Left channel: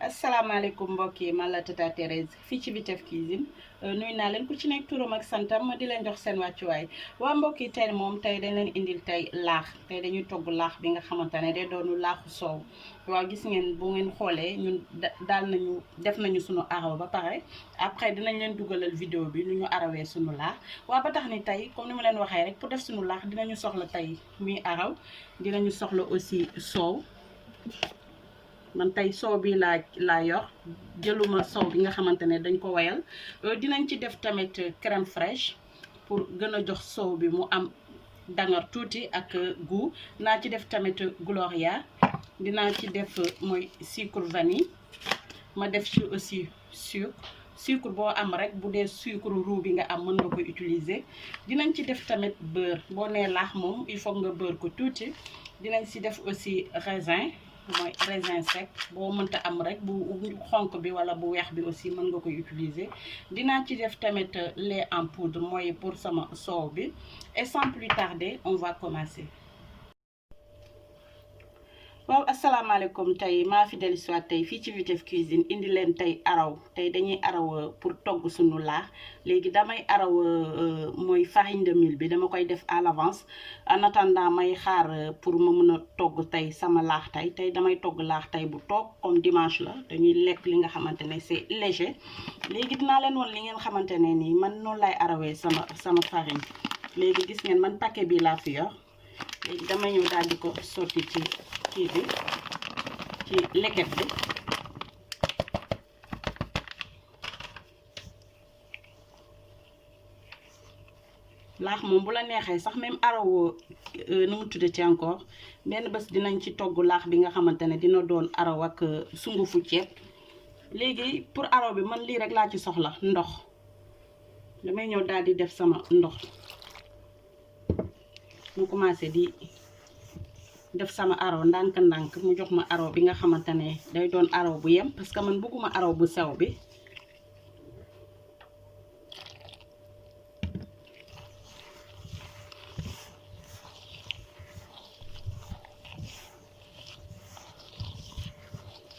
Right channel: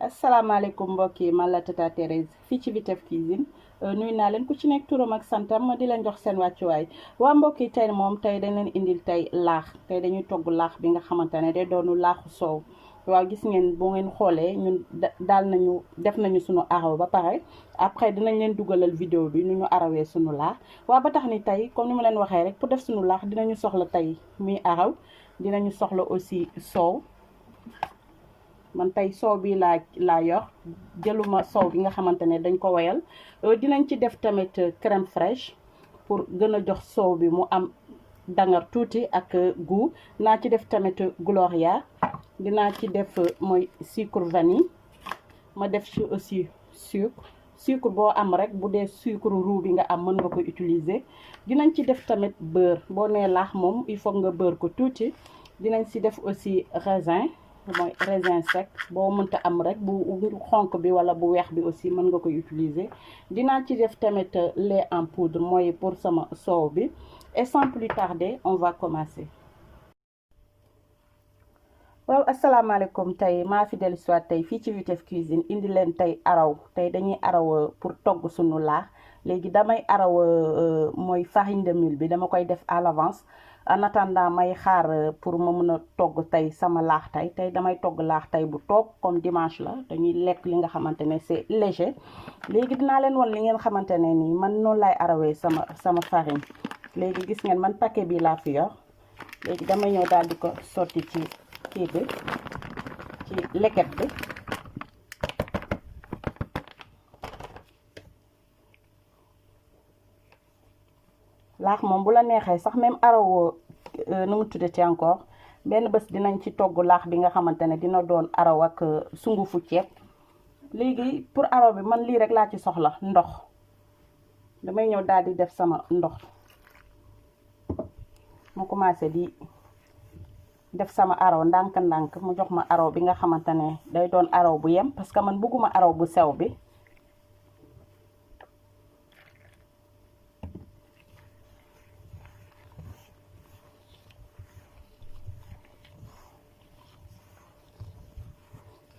asalaamaaleykum mbokk yi man la Tata Thérèse fii ci Vitef Cuisine nuyu naa leen ku ci nekk turam ak santam ma di leen jox seen wàccuwaay waa mbokk yi tey moom tey dañ leen indil tey laax tey dañuy togg laax bi nga xamante ne day doonu laaxu soow waaw gis ngeen bu ngeen xoolee ñun daal nañu def nañu sunu araw ba pare après dinañ leen dugalal vidéo bi nu ñu arawee sunu laax waa ba tax ni tey comme ni ma leen waxee rek pour def sunu laax dinañu soxla tey muy araw dinañu soxla aussi soow. man tey soow bi laa yor jëluma soow bi nga xamante ne dañ ko wayal dinañ ci def tamit crème fraîche pour gën a jox soow bi mu am dangar tuuti ak goût naa ci def tamit gloria dinaa ci def mooy sucre vanille ma def ci aussi sucre boo am rek bu dee sucre roux bi nga am mën nga ko utiliser dinañ ci def tamit beurre boo nee laax moom il faut nga beurre ko tuuti dinañ ci def aussi raisin mooy raisin sec boo mënta am rek bu xonk bi wala bu weex bi aussi mën nga koy utiliser dinaa ci def tamit lait en poudre mooy pour sama soow bi et sans plus tarder on va commencer. waaw asalaamaaleykum tey maa fi dellu si waat tey fii ci Vitef Cuisine indi leen tey araw tey dañuy araw pour togg sunu laax léegi damay araw mooy farine de mil bi dama koy def à l'avance en attendant may xaar pour ma mën a togg tey sama laax tey damay togg laax tey bu toog comme dimanche la dañuy lekk li nga xamante ne c'est léger léegi dinaa leen won li ngeen xamante ne nii man noonu lay arawee sama farine léegi gis ngeen man paquet bi laa fi yor léegi damay ñëw daal di ko sotti ci kii bi ci leket bi laax moom bu la neexee sax même araw nu mu tuddati encore benn bés dinañ ci togg laax bi nga xamante ne dina doon araw ak sungufu ceeb léegi pour araw bi man lii rek laa ci soxla ndox damay ñëw daal di def sama ndox mu commencé di def sama araw ndànk-ndànk mu jox ma araw bi nga xamante ne day doon araw bu yem parce que man bëgguma araw bu sew bi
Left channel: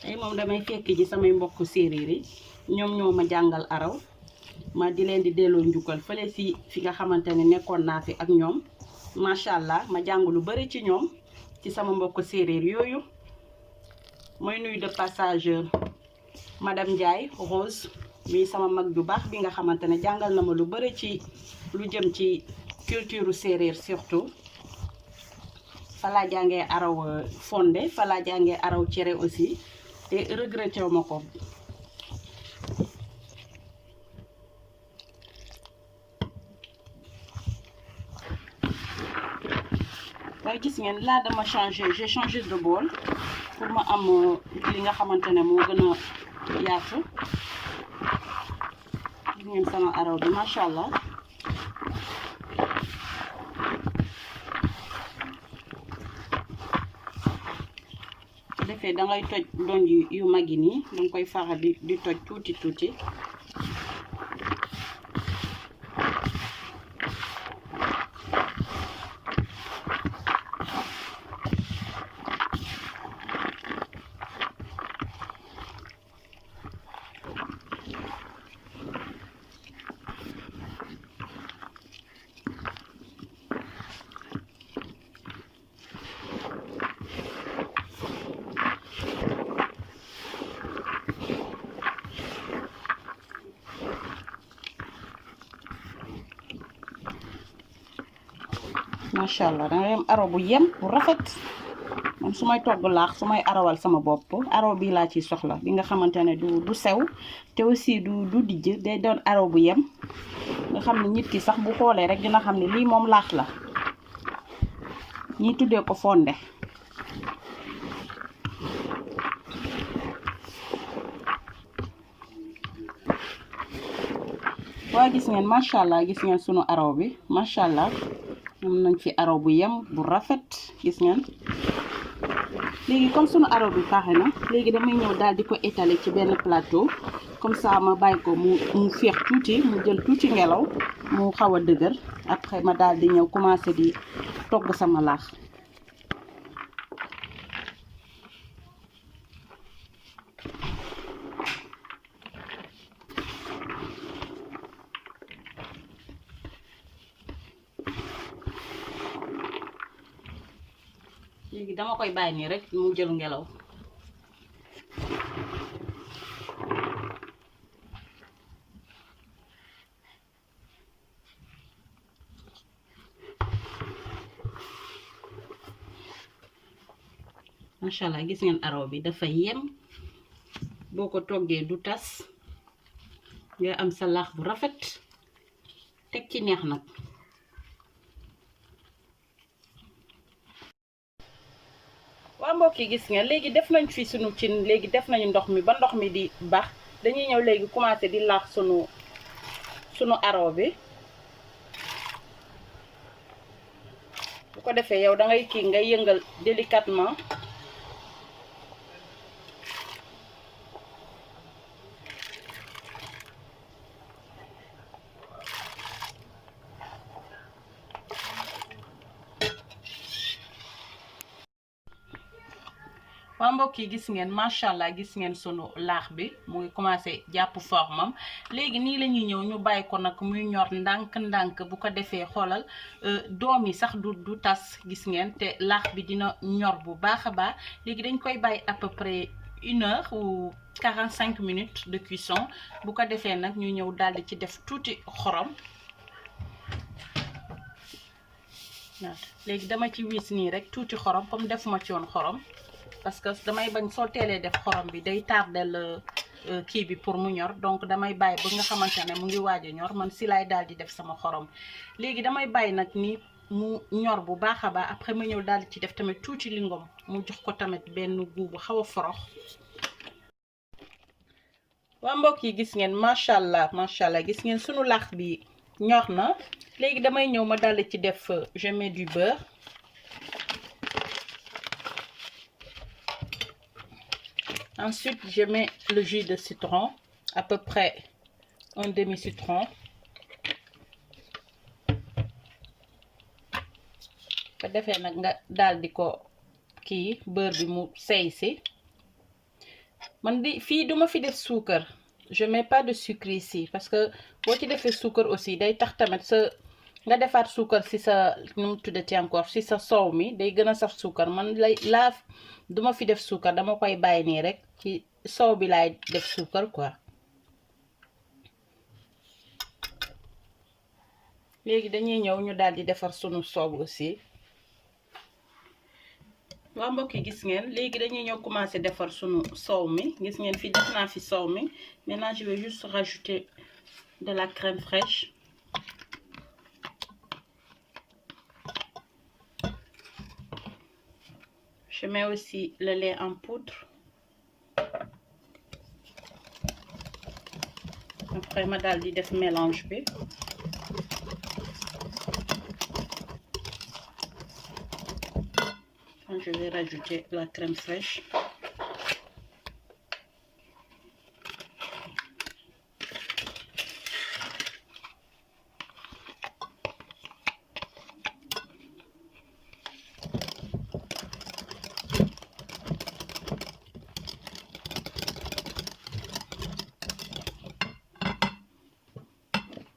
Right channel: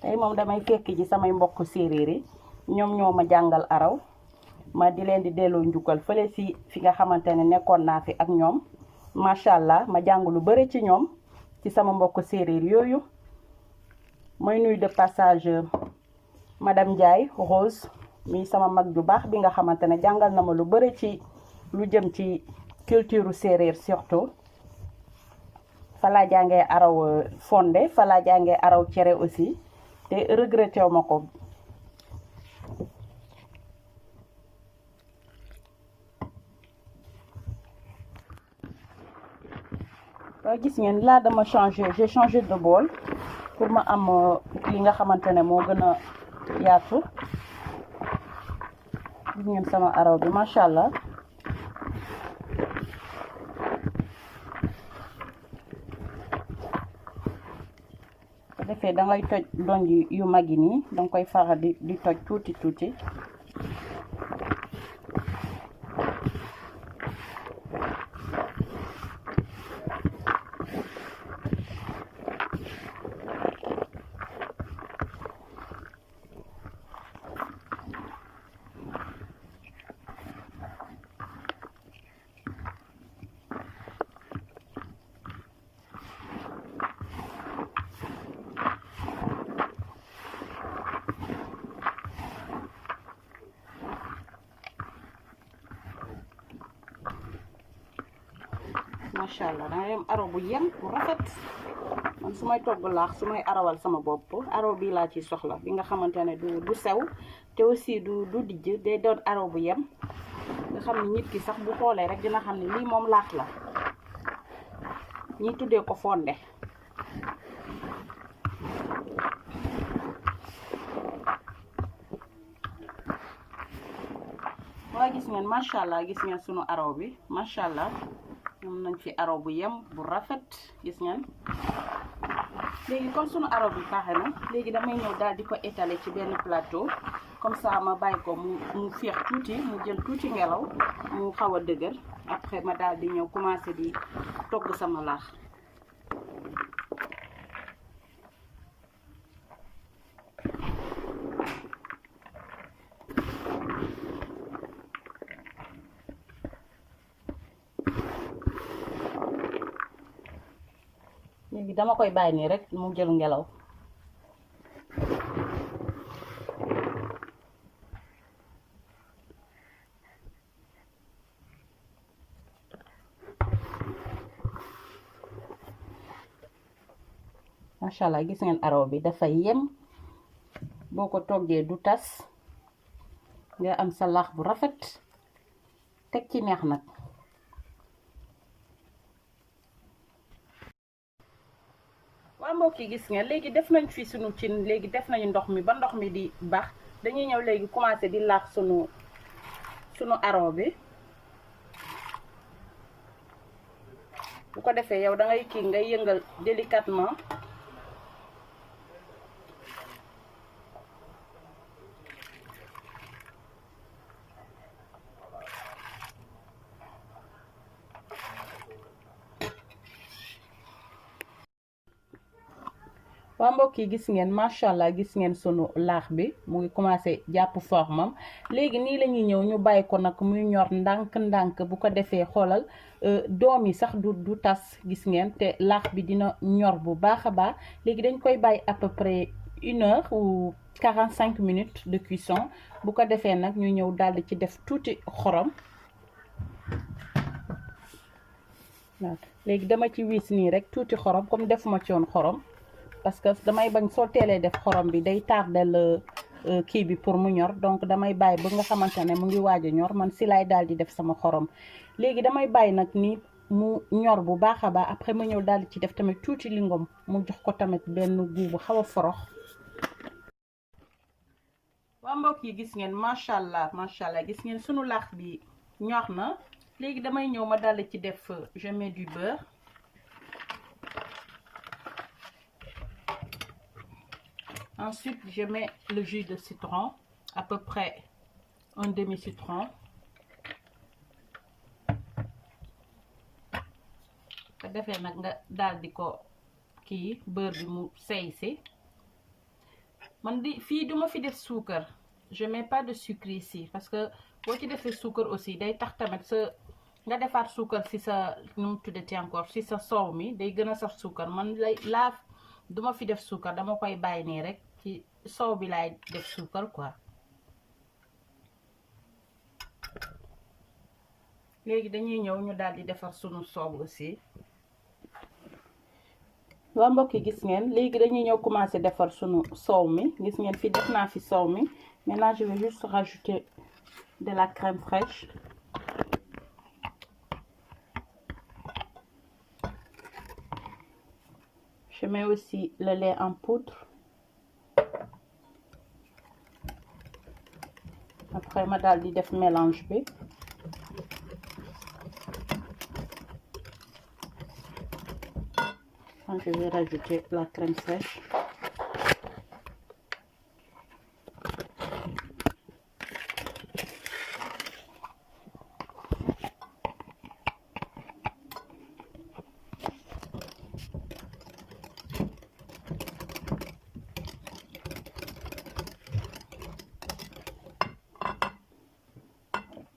tey moom damay fekk ji samay mbokk séeréer yi ñoom ñoo ma jàngal araw ma di leen di delloo njukkal fële fi nga xamante ne nekkoon naa fi ak ñoom macha allah ma jàng lu bëri ci ñoom ci sama mbokk séeréer yooyu mooy nuyu de passage madame Ndiaye Rose mi sama mag ju baax bi nga xamante ne jàngal na ma lu bëri ci lu jëm ci culture séeréer surtout fa laa jàngee araw fonde fa laa jàngee araw cere aussi te regretté wu ma ko waaye gis ngeen là dama j'ai changé de bol pour ma am li nga xamante ne moo gën a yaatu gis ngeen sama araw bi macha allah su defee da ngay toj donj yu mag yi nii danga koy faral di toj tuuti macha allah dangay am araw bu yem bu rafet moom su may togg laax su may arawal sama bopp araw bii laa ciy soxla bi nga xamante ne du sew te aussi du dijj day doon araw bu yem nga xam ne nit ki sax bu xoolee rek dina xam ne lii moom laax la ñiy tuddee ko fonde waaye gis ngeen macha allah gis ngeen sunu araw bi macha allah am nañ fi araw bu yem bu rafet gis ngeen léegi comme sunu araw bi pare na léegi damay ñëw daal di ko étaler ci benn plateau comme ça ma bàyyi ko mu féex tuuti mu jël tuuti ngelaw mu xaw a dëgër après ma daal di ñëw commencer di togg sama laax léegi dama koy bàyyi nii rek mu jël ngelaw. macha allah gis ngeen araw bi dafa yem boo ko toggee du tas nga am sa laax bu rafet teg ci neex nag. waa mbokk yi gis ngeen léegi def nañ fi sunu cin, léegi def nañu ndox mi ba ndox mi di bax dañuy ñëw léegi commencé di laax sunu araw bi. bu ko defee yow da ngay kii ngay yëngal délicatement. waa mbokk yi gis ngeen macha allah gis ngeen sunu laax bi mu ngi commencé jàpp formam léegi nii la ñuy ñëw ñu bàyyi ko nag muy ñor ndànk-ndànk bu ko defee xoolal doom yi sax du tas gis ngeen te laax bi dina ñor bu baax a baax. léegi dañ koy bàyyi à peu près 1 heure ou 45 minutes de cuisson bu ko defee nag ñu ñëw daldi ci def tuuti xorom. léegi dama ci wis nii rek tuuti xorom comme defuma ci woon xorom. parce que damay bañ soo teelee def xorom bi day tardel kii bi pour mu ñor donc damay bàyyi ba nga xamante ne mu ngi waaj a ñor man si laay daal di def sama xorom. léegi damay bàyyi nag ni mu ñor bu baax a baax après ma ñëw daal di ci def tamit tuuti lingom mu jox ko tamit benn goût bu xaw a forox. waa mbokk yi gis ngeen macha allah gis ngeen sunu laax bi ñor na. léegi damay ñëw ma daal di ci def je mets du beurre. Ensuite, je mets le jus de citron, à peu près un demi-citron. Ko defee nag nga daal di ko kii beurre bi mu sey si. man di fii duma fi def suukar, je mets pas de sucre ici parce que boo ci defee suukar aussi day tax tamit sa nga defaat suukar si sa nu mu tuddati encore si sa soow mi day gën a saf suukar. man laa duma fi def suukar, dama koy bàyyi nii rek ci soow bi laay def suukar quoi. léegi dañuy ñëw ñu daal di defar sunu soow aussi. waa mbokk yi gis ngeen léegi dañuy ñëw commencer defar sunu soow mi. gis ngeen fi def naa fi soow mi. maintenant je vais juste rajouter de la crème fraîche. Je mets aussi le lait en poudre. Après ma daal di def mélange bi. Je vais rajouter la crème fraîche.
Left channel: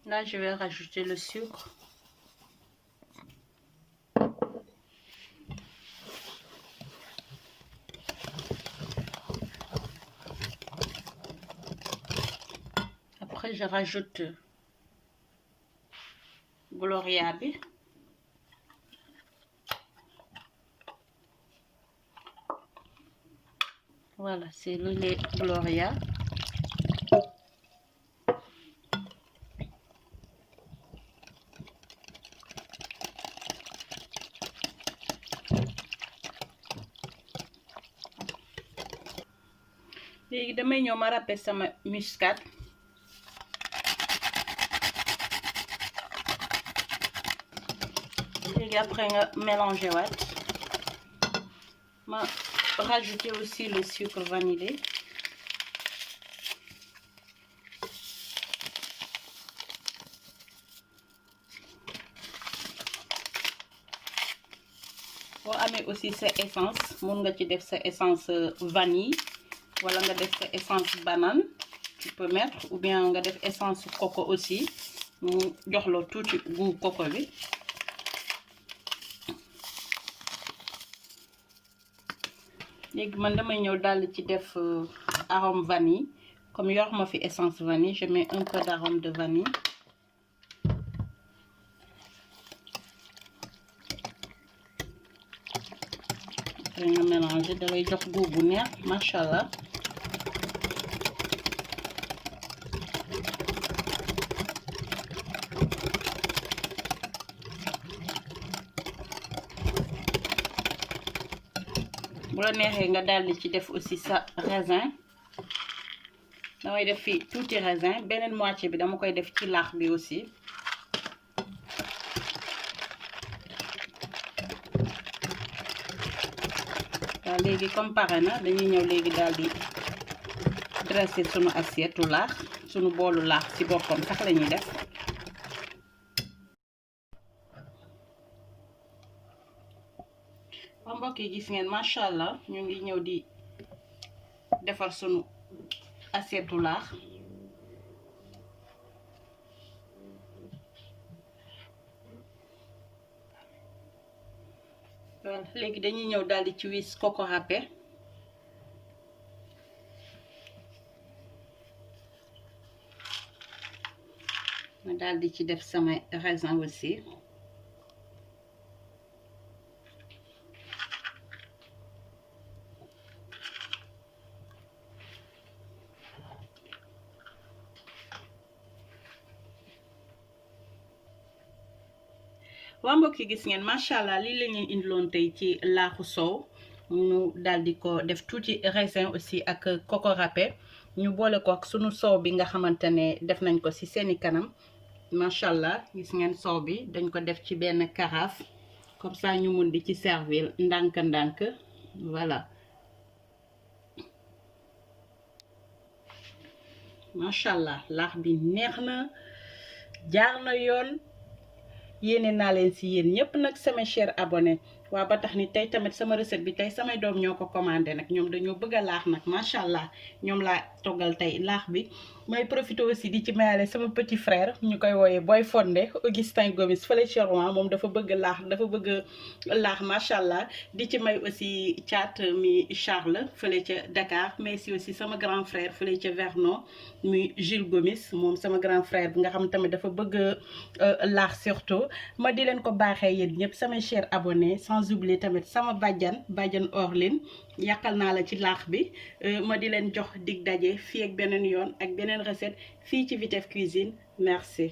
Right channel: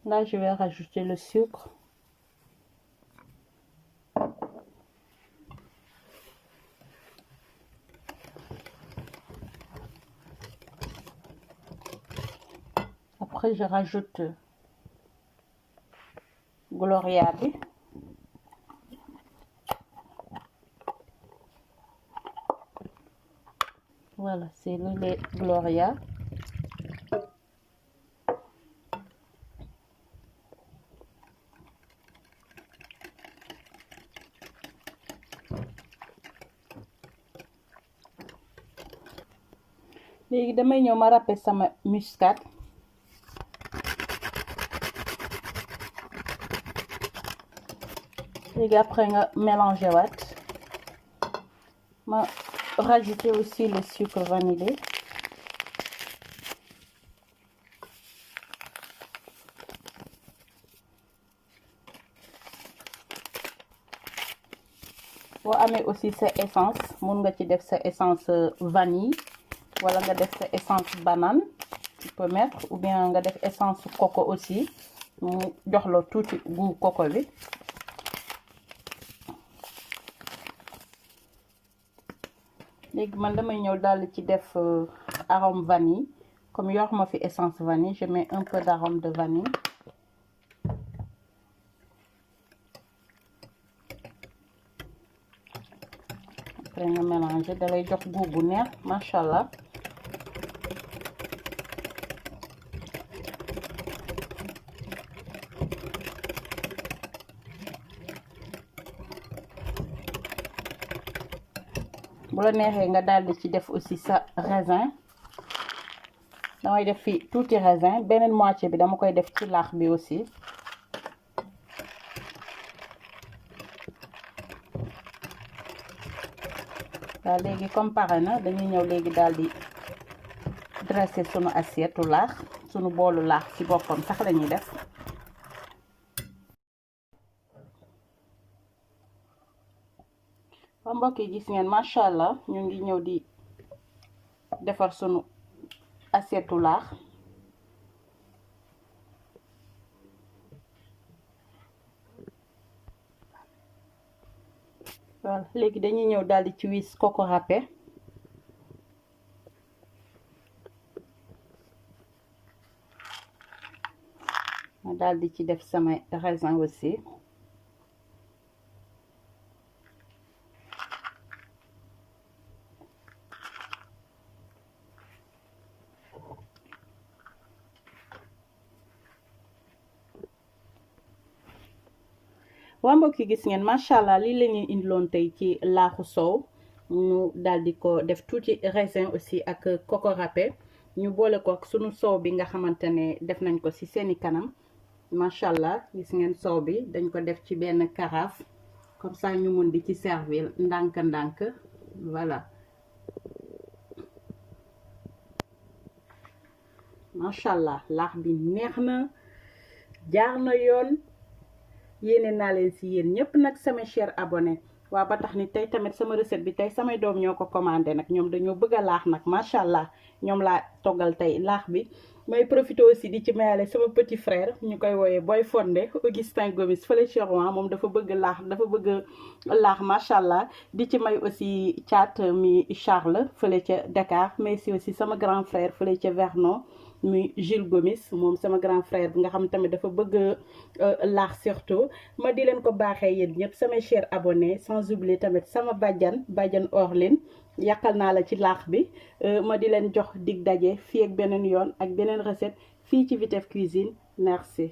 Là, je vais rajouter le sucre. Après, je rajoute Gloria bi. Voilà, c'est le lait Gloria. léegi damay ñëw ma râper sama muscade. léegi après nga mélanger waat ma rajouter aussi le sucre vanillé. boo amee aussi sa essence mun nga ci def sa essence vanille wala nga def sa essence banane tu peux mettre, ou bien nga def essence coco aussi mu jox la tuuti goût coco bi. léegi man damay ñëw daal ci def arôme vanille comme yor ma fi essence vanille je mets un peu d'arôme de vanille. après nga mélanger dalay jox goût bu neex macha allah. bu la neexee nga daldi ci def aussi sa raisin damay def fi tuuti raisin beneen moitié bi dama koy def ci laax bi aussi. waaw léegi comme pare na dañuy ñëw léegi daldi dresser sunu assiette laax sunu boolu laax ci boppam sax lañuy def. ba mbokk yi gis ngeen macha allah ñu ngi ñëw di defar sunu assiette laax. voilà léegi dañuy ñëw daldi ci wis coco râpé. ma daldi ci def sama raisin aussi. waa mbokk yi gis ngeen macha allah lii la ñuy indiloon tey ci laaxu soow ñu daldi ko def tuuti raisin aussi ak coco râpé ñu boole ko ak sunu soow bi nga xamante ne def nañ ko ci seeni kanam macha allah gis ngeen soow bi dañ ko def ci benn carafe comme ça ñu mun di ci servir ndànk-ndànk voilà. macha allah laax bi neex na jaar na yoon. yéene naa leen ci yéen ñëpp nag sama cher abonné waa ba tax ni tey tamit sama recette bi tey samay doom ñoo ko commandé nag ñoom dañoo bëgg a laax nag macha allah ñoom laa toggal tey laax bi. may profité aussi di ci mayale sama petit frère ñu koy wooyee Boy Fondé Augustin Gomis fële ci Rouen moom dafa bëgg laax macha allah di ci may aussi Thiat mi Charles fële ca Dakar mais si aussi sama grand frère fële ca Vernon muy Jules Gomis moom sama grand frère bi nga xam tamit dafa bëgg laax surtout ma di leen ko baaxee yéen ñëpp sama cher abonné sans oublier tamit sama bàjjan Orline yàqal naa la ci laax bi ma di leen jox dig daje fii ak beneen yoon ak beneen recette fii ci Vitef Cuisine merci.